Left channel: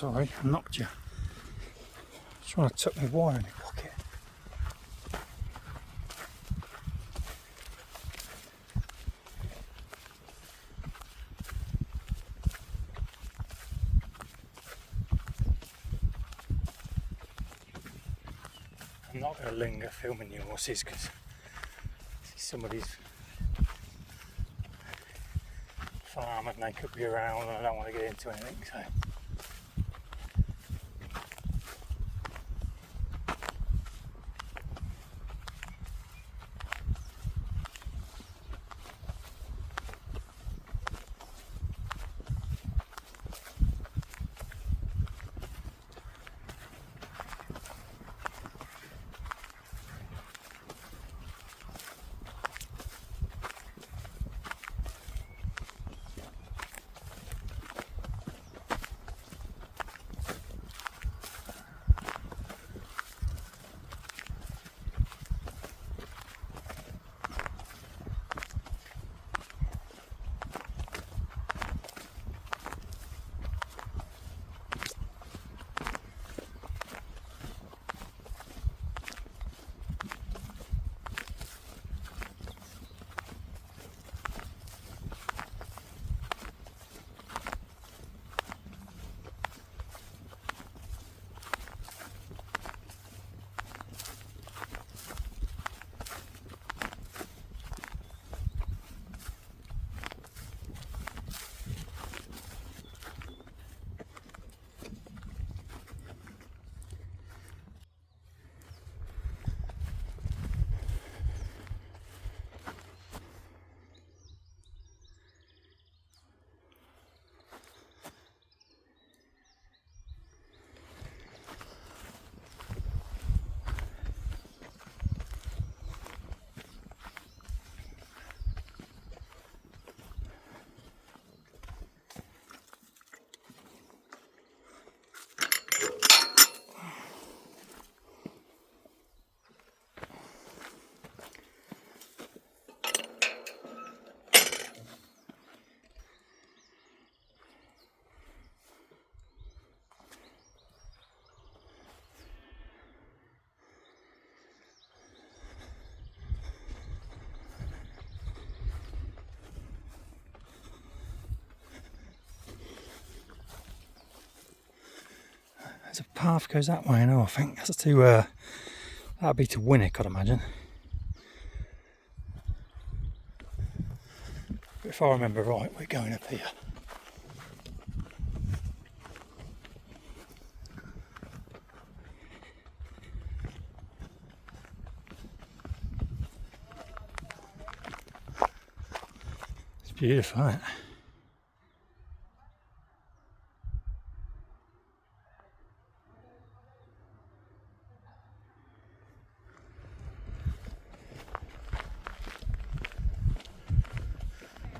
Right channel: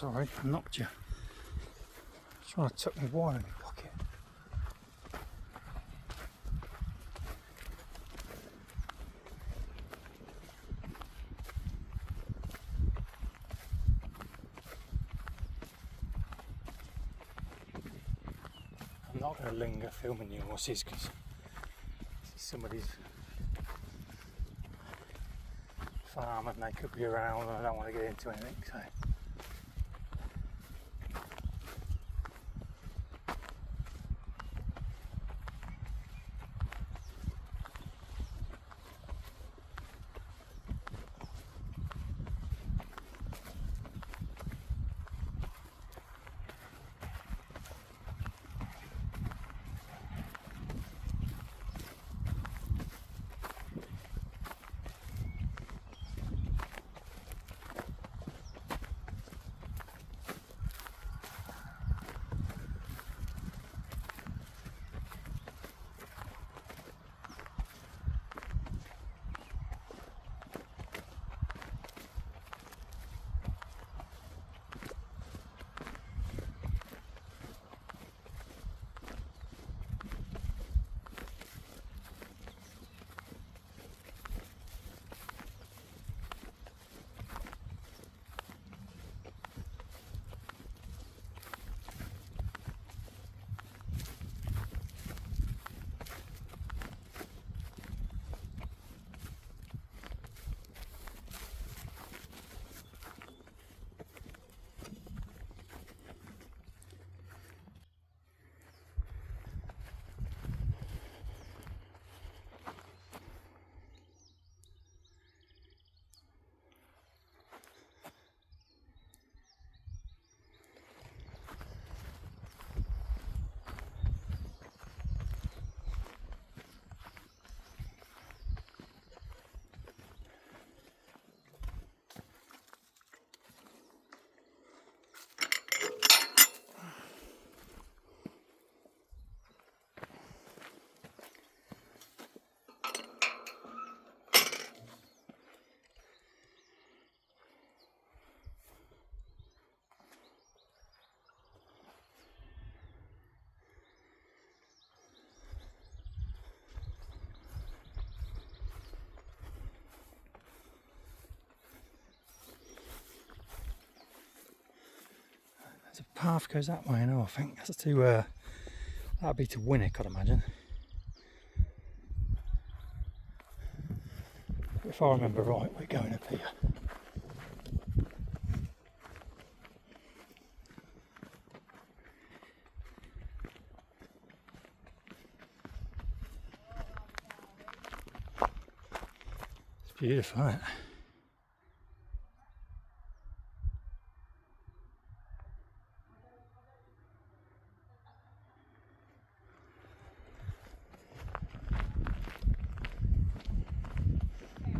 Sorry, I knocked you. Trying to tuck my wire in my pocket. I'm not going to linger filming the horses because somebody's farm and they could be around and I don't want to get into anything. So. There's a path goes that way now, I think. That's to, that'd be to Winnick, I'd imagine. But if I remember right, we're going up here. It's beautiful, isn't it?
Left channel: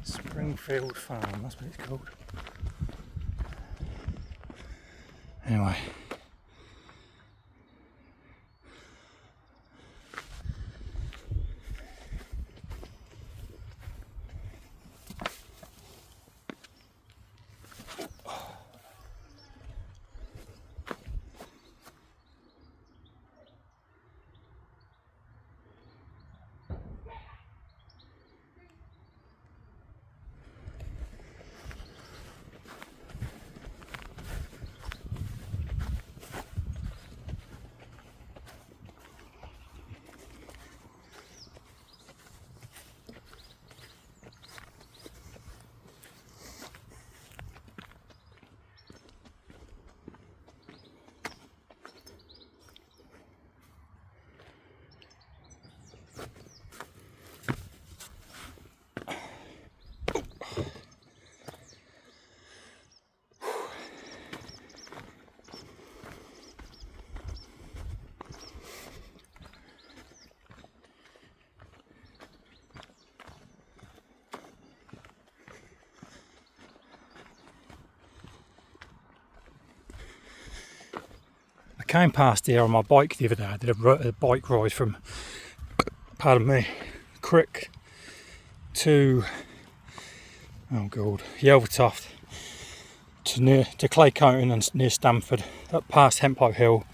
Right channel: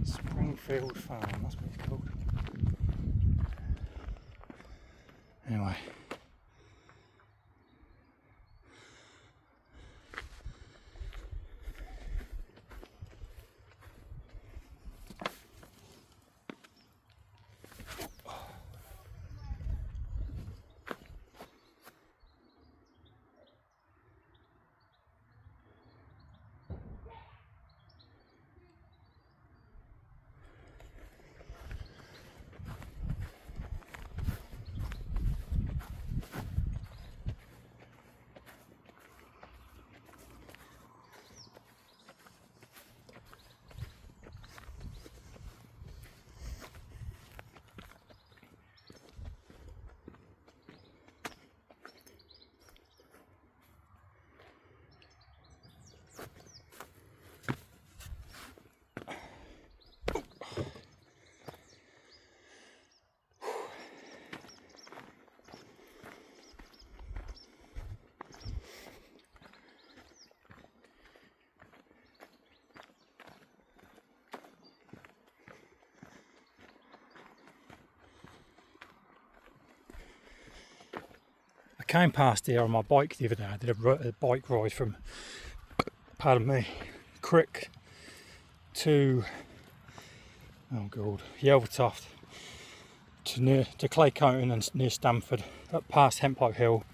Springfield Farm, that's what it's called. Anyway. I came past here on my bike the other day. I did a bike ride from, pardon me, Crick to, oh god, Yelvertoft. to Claycoaton and near Stamford, up past Hemppipe Hill,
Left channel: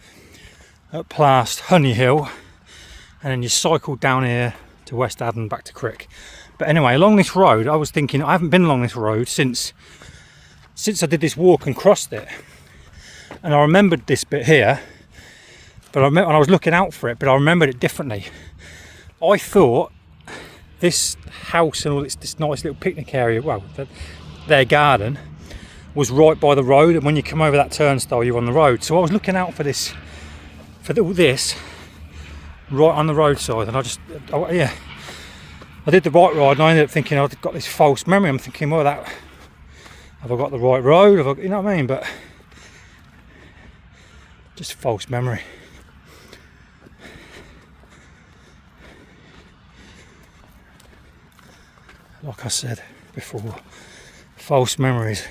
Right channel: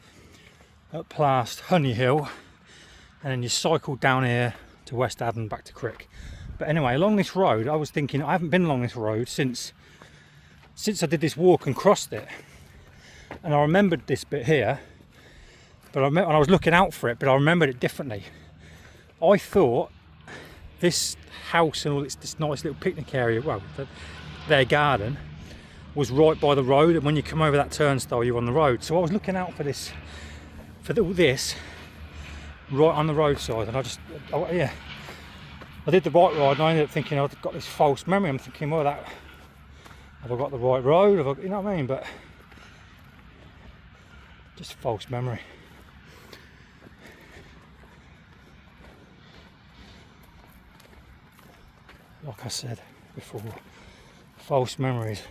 up past Honey Hill, and then you cycle down here to West Haddon, back to Crick. But anyway, along this road, I was thinking, I haven't been along this road since I did this walk and crossed it, and I remembered this bit here, but I was looking out for it, but I remembered it differently. I thought this house and all this nice little picnic area, well, their garden, was right by the road, and when you come over that turnstile, you're on the road. So I was looking out for this, all this, right on the roadside, and I did the right ride, and I ended up thinking I've got this false memory. I'm thinking, well, have I got the right road? You know what I mean? But just false memory. Like I said before, false memories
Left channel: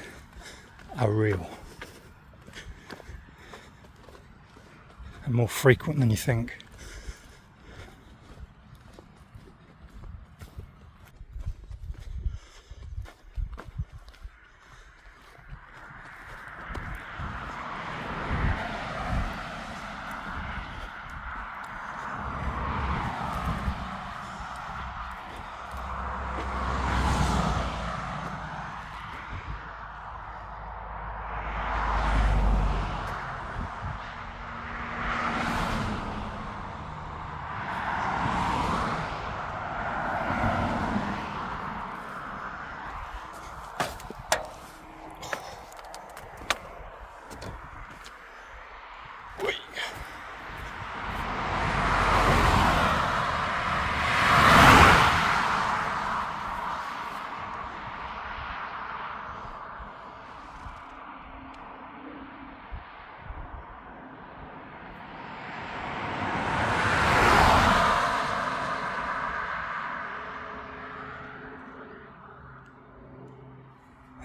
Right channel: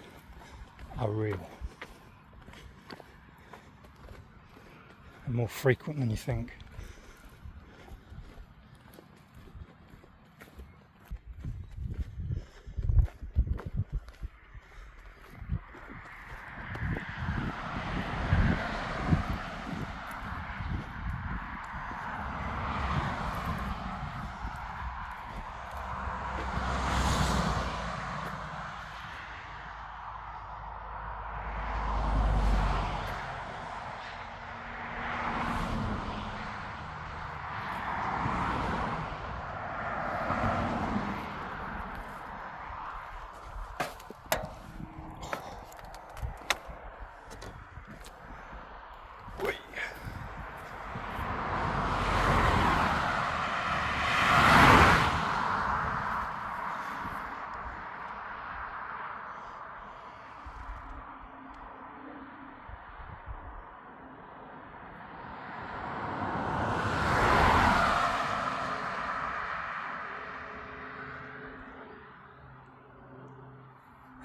are real and more frequent than you think.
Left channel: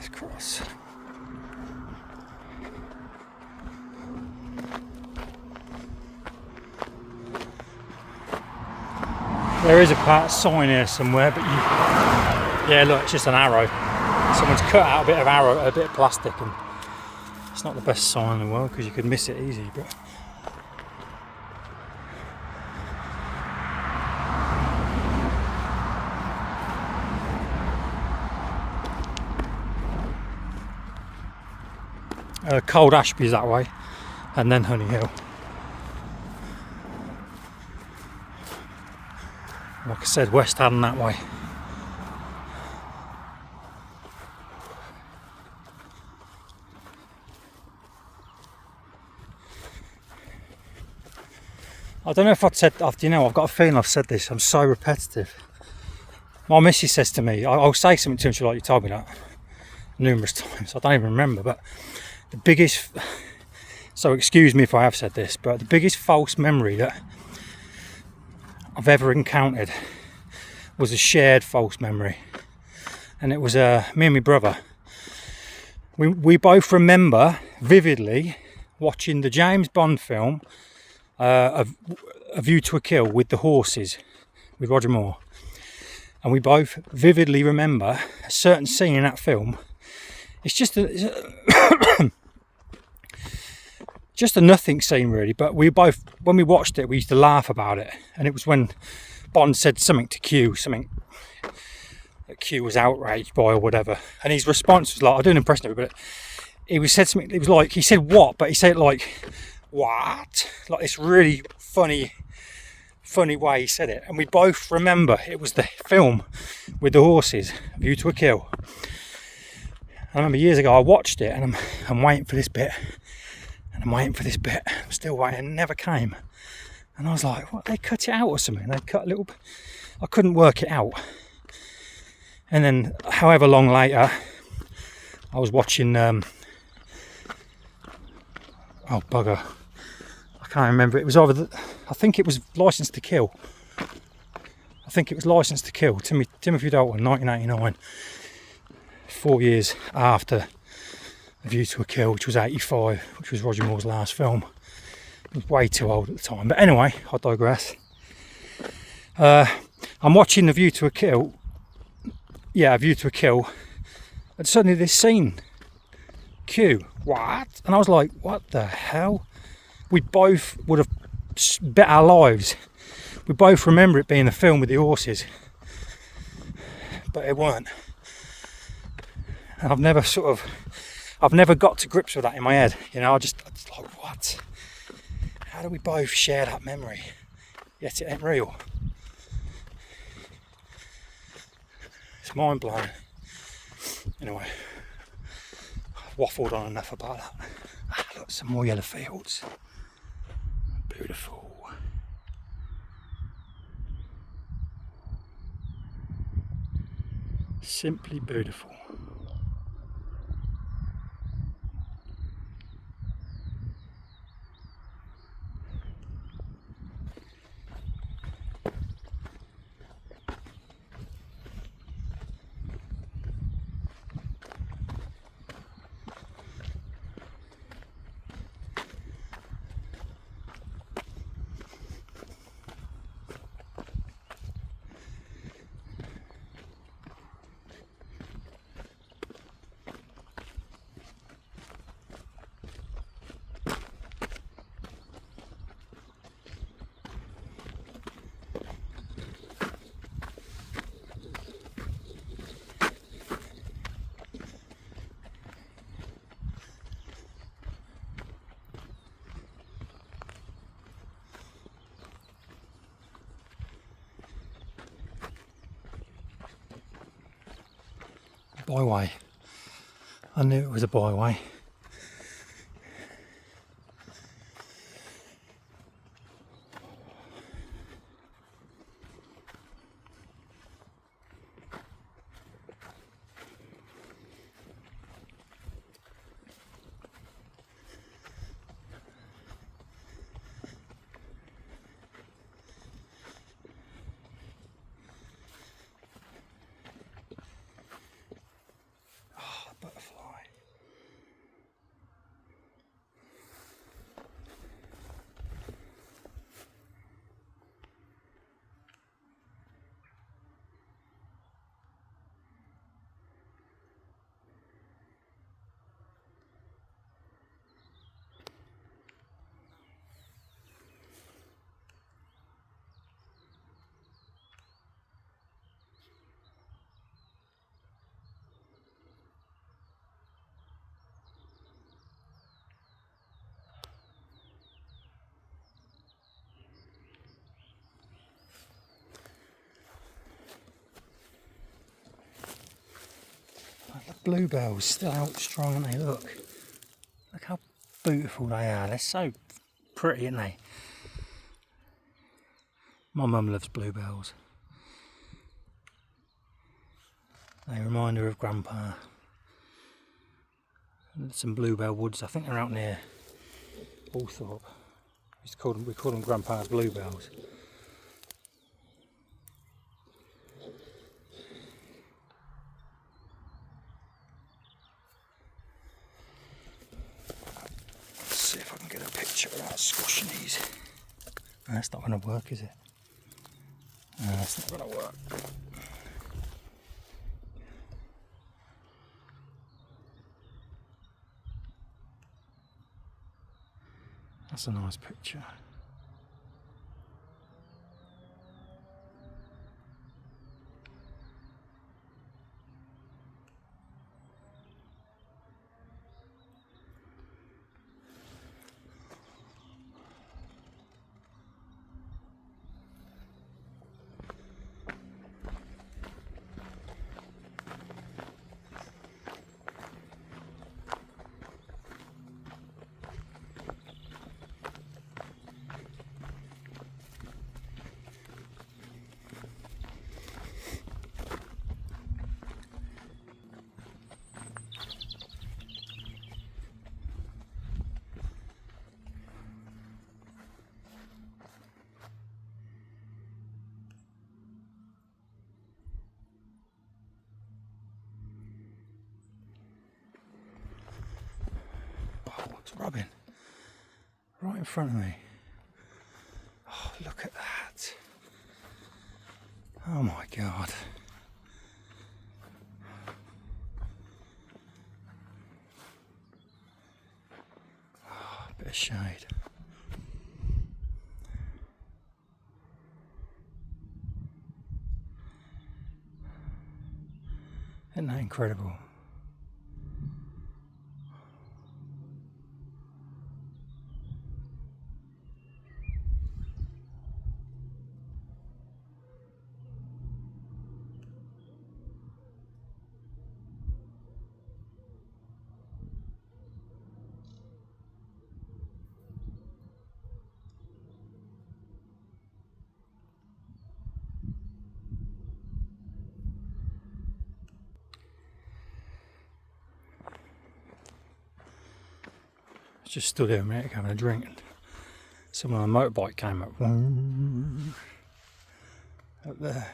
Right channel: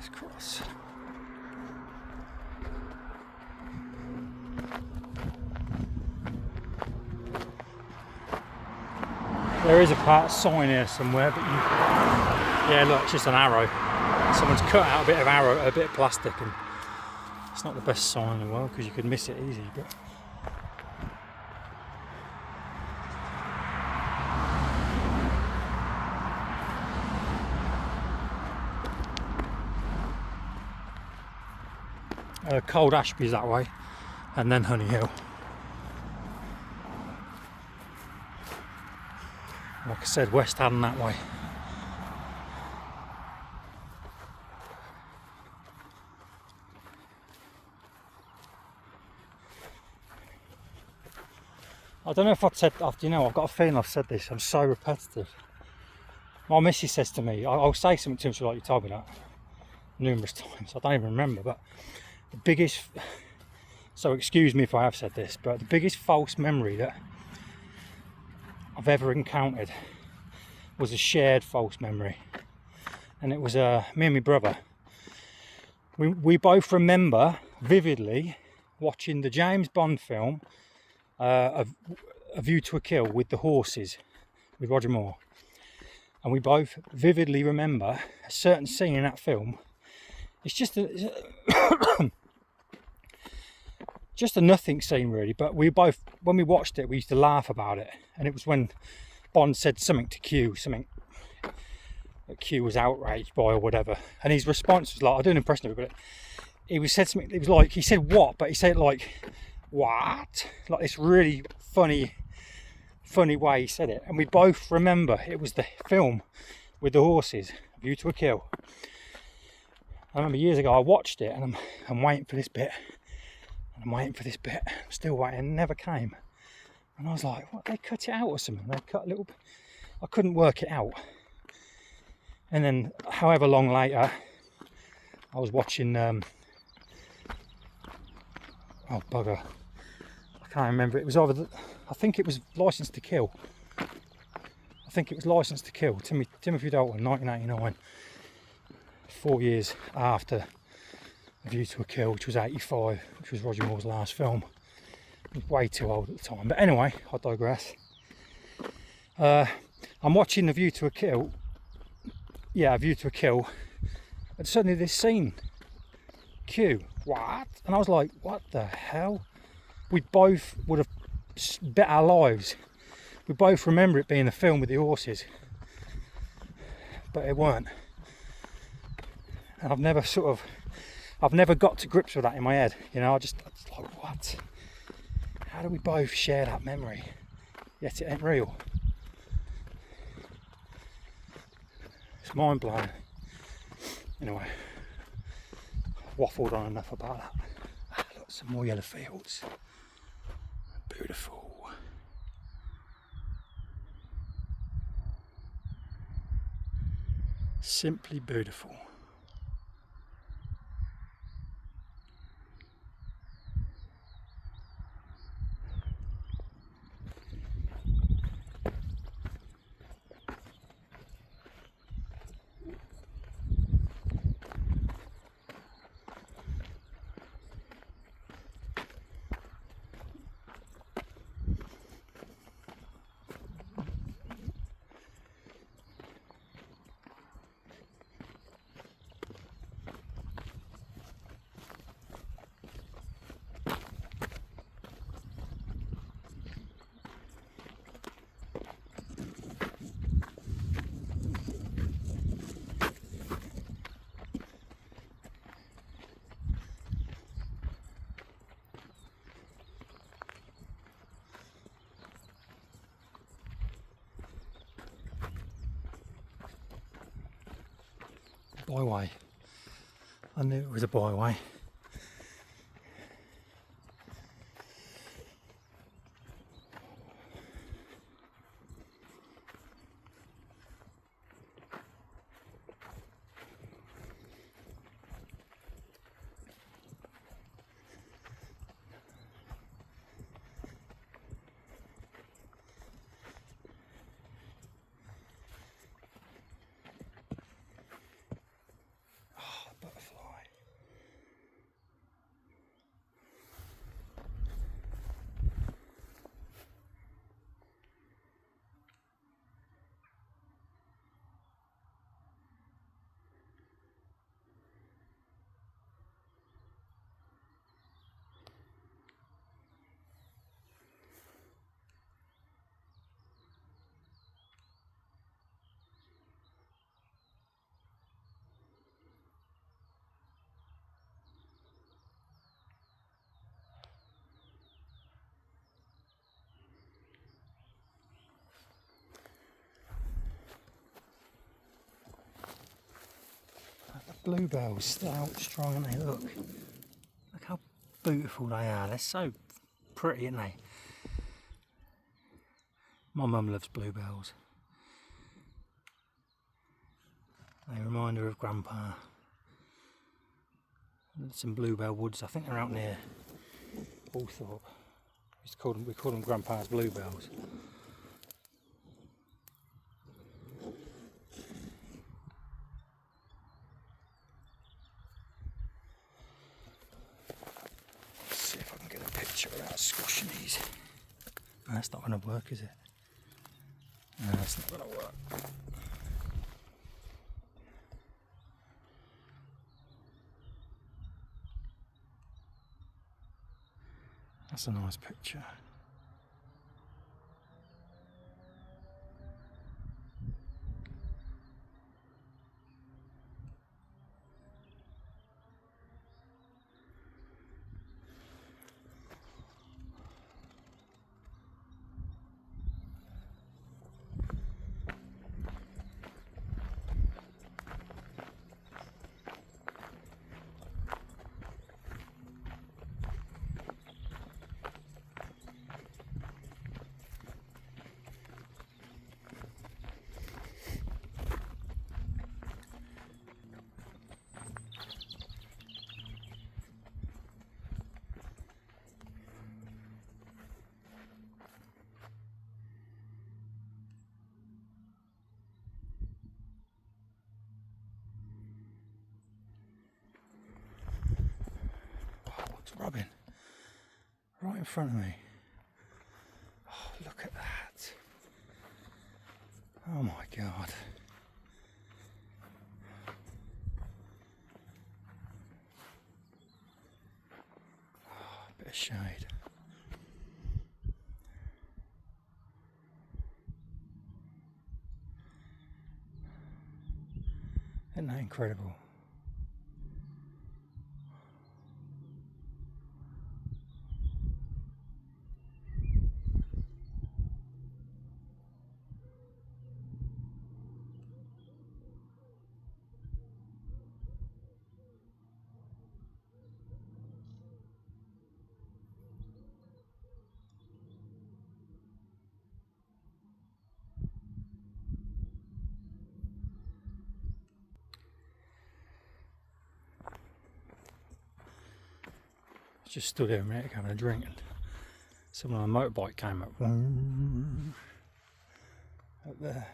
Let's cross. There is a part sign here somewhere, but yeah, look, it's just an arrow. Someone's cut out a bit of plastic, and it's not the best sign in the world because you could miss it easy. But Cold Ashby's that way, and then Honey Hill. Like I said, West Haddon that way. I don't know if I've got a feeling I've said this. I'm so repetitive. My missus says to me, I'll say something to him, she's like, you told me that numerous times. I don't even remember, but the biggest, so excuse me if I have said this, but the biggest false memory that I've ever encountered was a shared false memory, and it was me and my brother. We both remember vividly watching the James Bond film A View to a Kill with the horses, with Roger Moore, and we both vividly remember a certain scene in that film. It's just just a nothing scene really, but we both, when we watched it, we used to laugh about it. And it was when Bond said something to Q, something that Q was outraged by or whatever, and his response was like, I do an impression of it, but he said something, it was like, he said what, but he said it like, what, like this really funny way he said it. And we both remember it was the film with the horses, A View to a Kill. I remember years ago I watched it, and I'm waiting for this bit, and I'm waiting for this bit, I'm still waiting, it never came. And I was like, what, they cut it out or something? They cut a little bit. I couldn't work it out. And then however long later, I was watching oh bugger, I can't remember, it was either I think it was Licence to Kill. Timothy Dalton, 1989, 4 years after A View to a Kill, which was 85, which was Roger Moore's last film. I was way too old at the time, but anyway, I digress. I'm watching A View to a Kill, and suddenly this scene queue. What? And I was like, what the hell? We both would have bet our lives. We both remember it being a film with the horses, but it weren't. And I've never got to grips with that in my head. You know, I just like, what? How do we both share that memory? Yet it ain't real. It's mind blowing. Anyway, I've waffled on enough about that. Look, some more yellow fields. Beautiful. Simply beautiful. Byway. I knew it was a byway. Butterfly. The bluebells still out strong, aren't they? Look how beautiful they are. They're so pretty, aren't they? My mum loves bluebells. They remind her of Grandpa. And some bluebell woods, I think they're out near Thornby. We call them Grandpa's bluebells. Let's see if I can get a picture without squashing these. No, that's not going to work, is it? No, that's not going to work. That's a nice picture. Robin, right in front of me. Oh, look at that. Oh my God. shade. Isn't that incredible? Just stood here a minute having a drink, and someone on a motorbike came up there.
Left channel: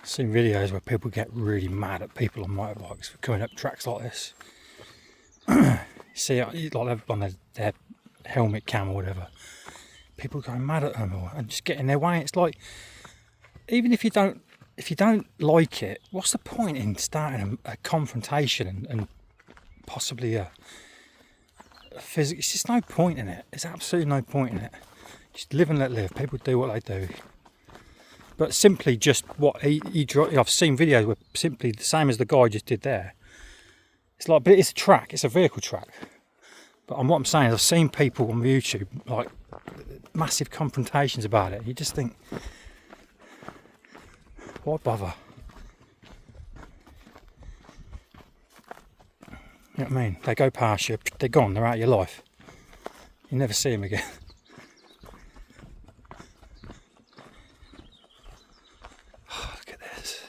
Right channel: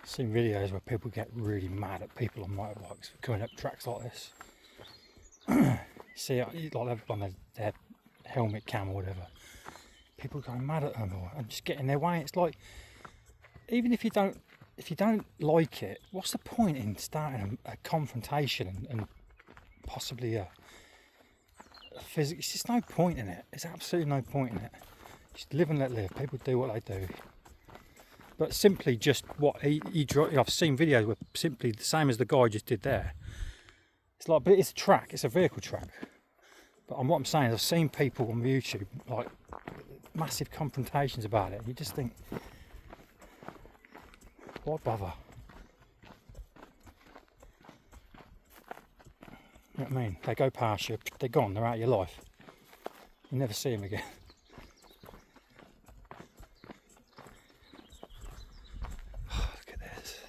I've seen videos where people get really mad at people on motorbikes for coming up tracks like this. You see, like on their helmet cam or whatever, people going mad at them and just get in their way. It's like, even if you don't like it, what's the point in starting a confrontation and possibly a physical? It's just no point in it. There's absolutely no point in it. Just live and let live. People do what they do. But simply just what I've seen videos where simply the same as the guy just did there. It's like, but it's a track. It's a vehicle track. But what I'm saying is, I've seen people on YouTube like massive confrontations about it. You just think, why bother? You know what I mean? They go past you, they're gone, they're out of your life. You never see them again. Look at this.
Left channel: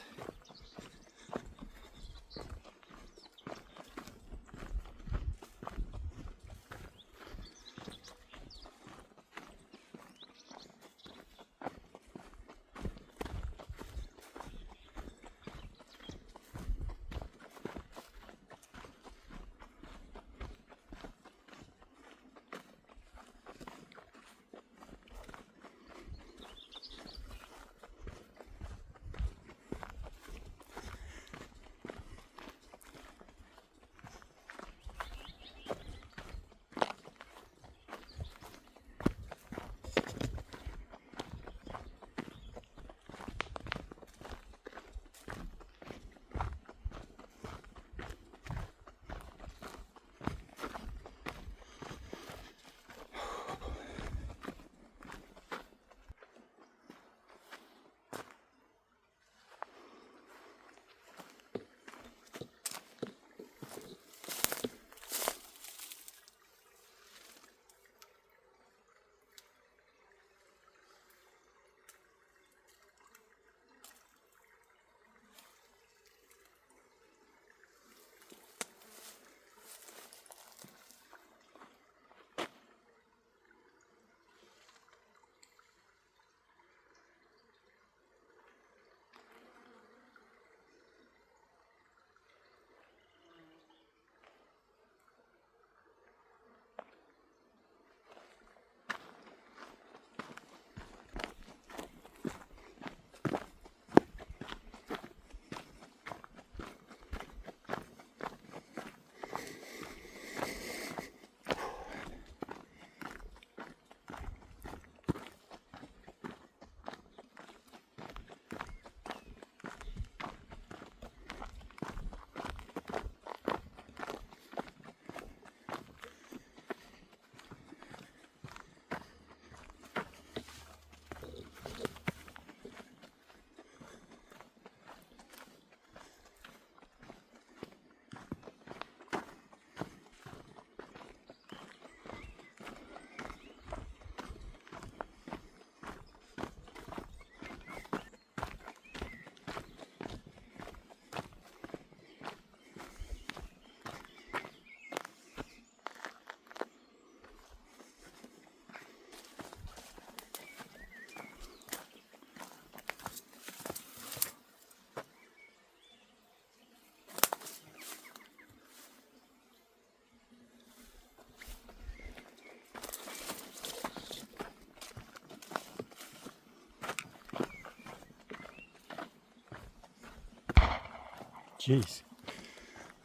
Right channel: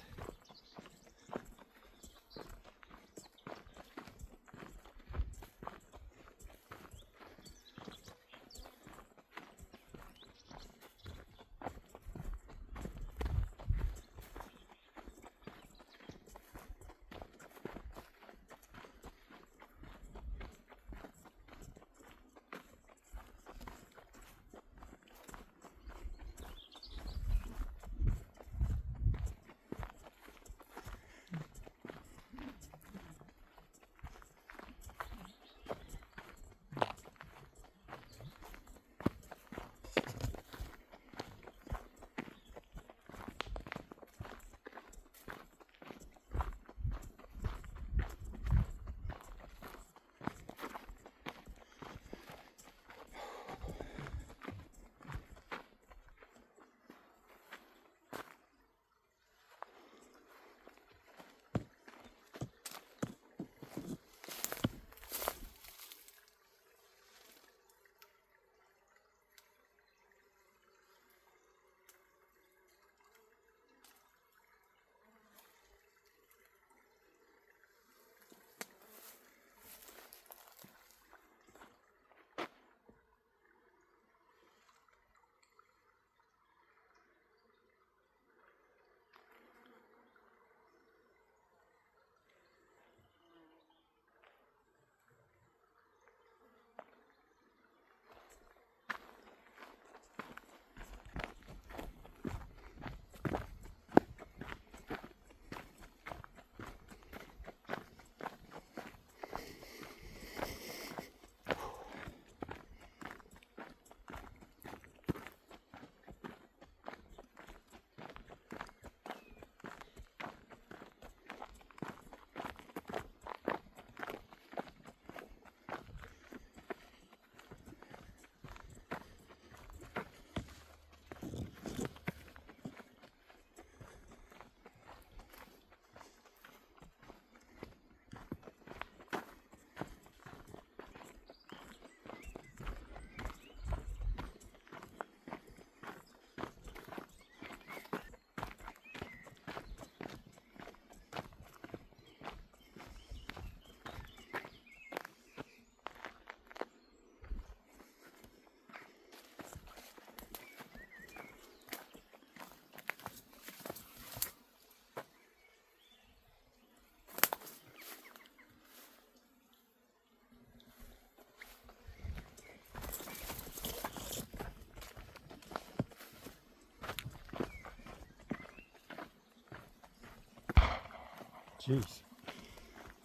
Jeez.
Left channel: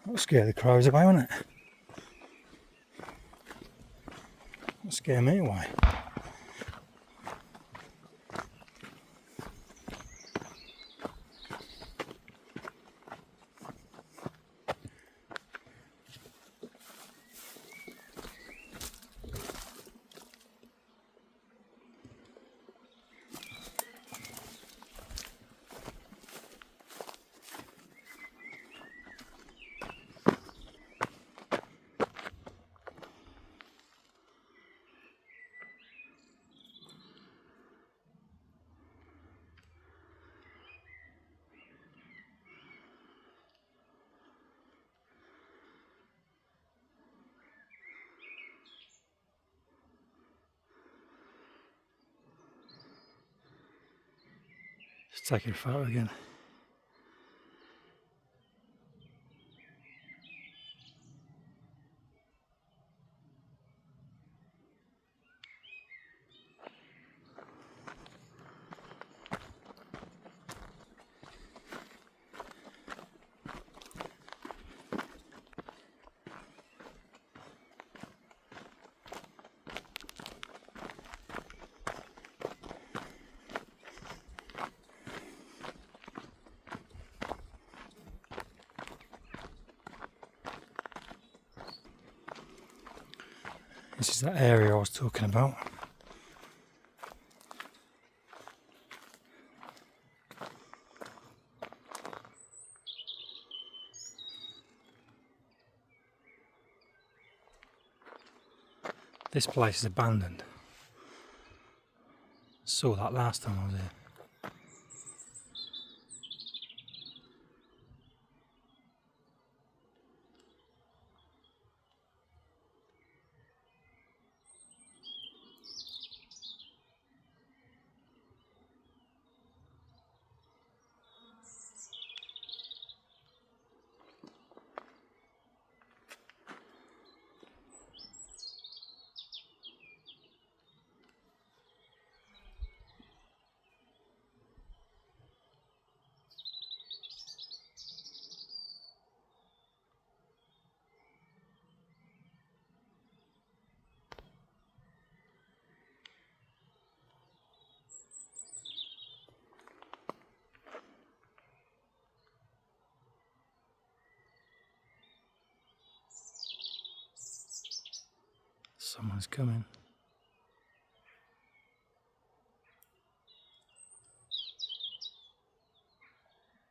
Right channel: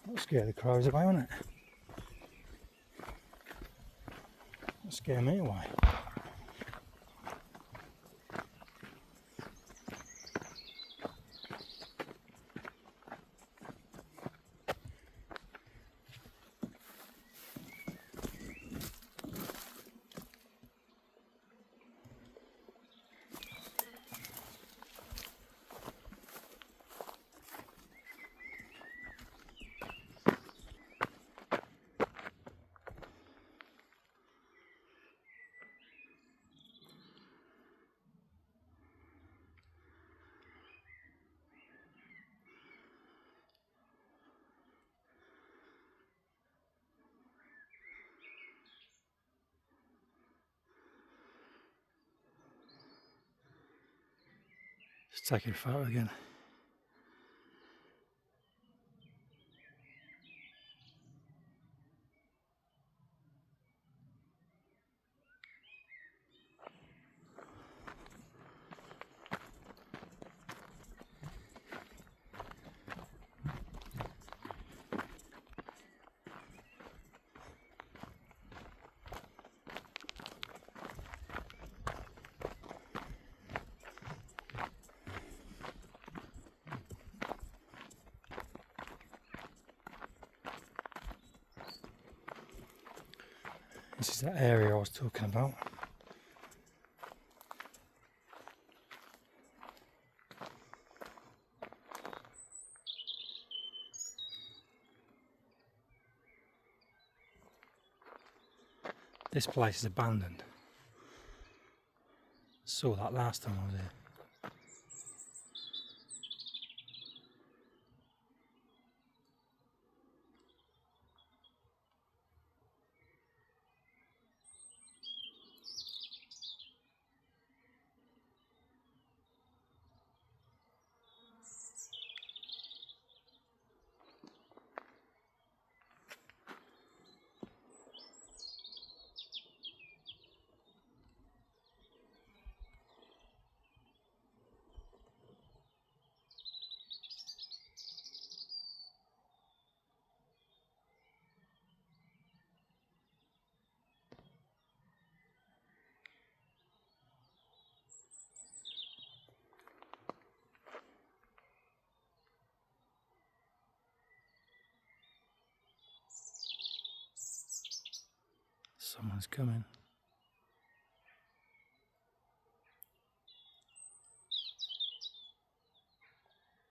That'll scare the crows away, won't it? That'll scare me away. Just taking a photo again. This is that area I was talking about. This place is abandoned. Saw that last time I was here. Someone's coming.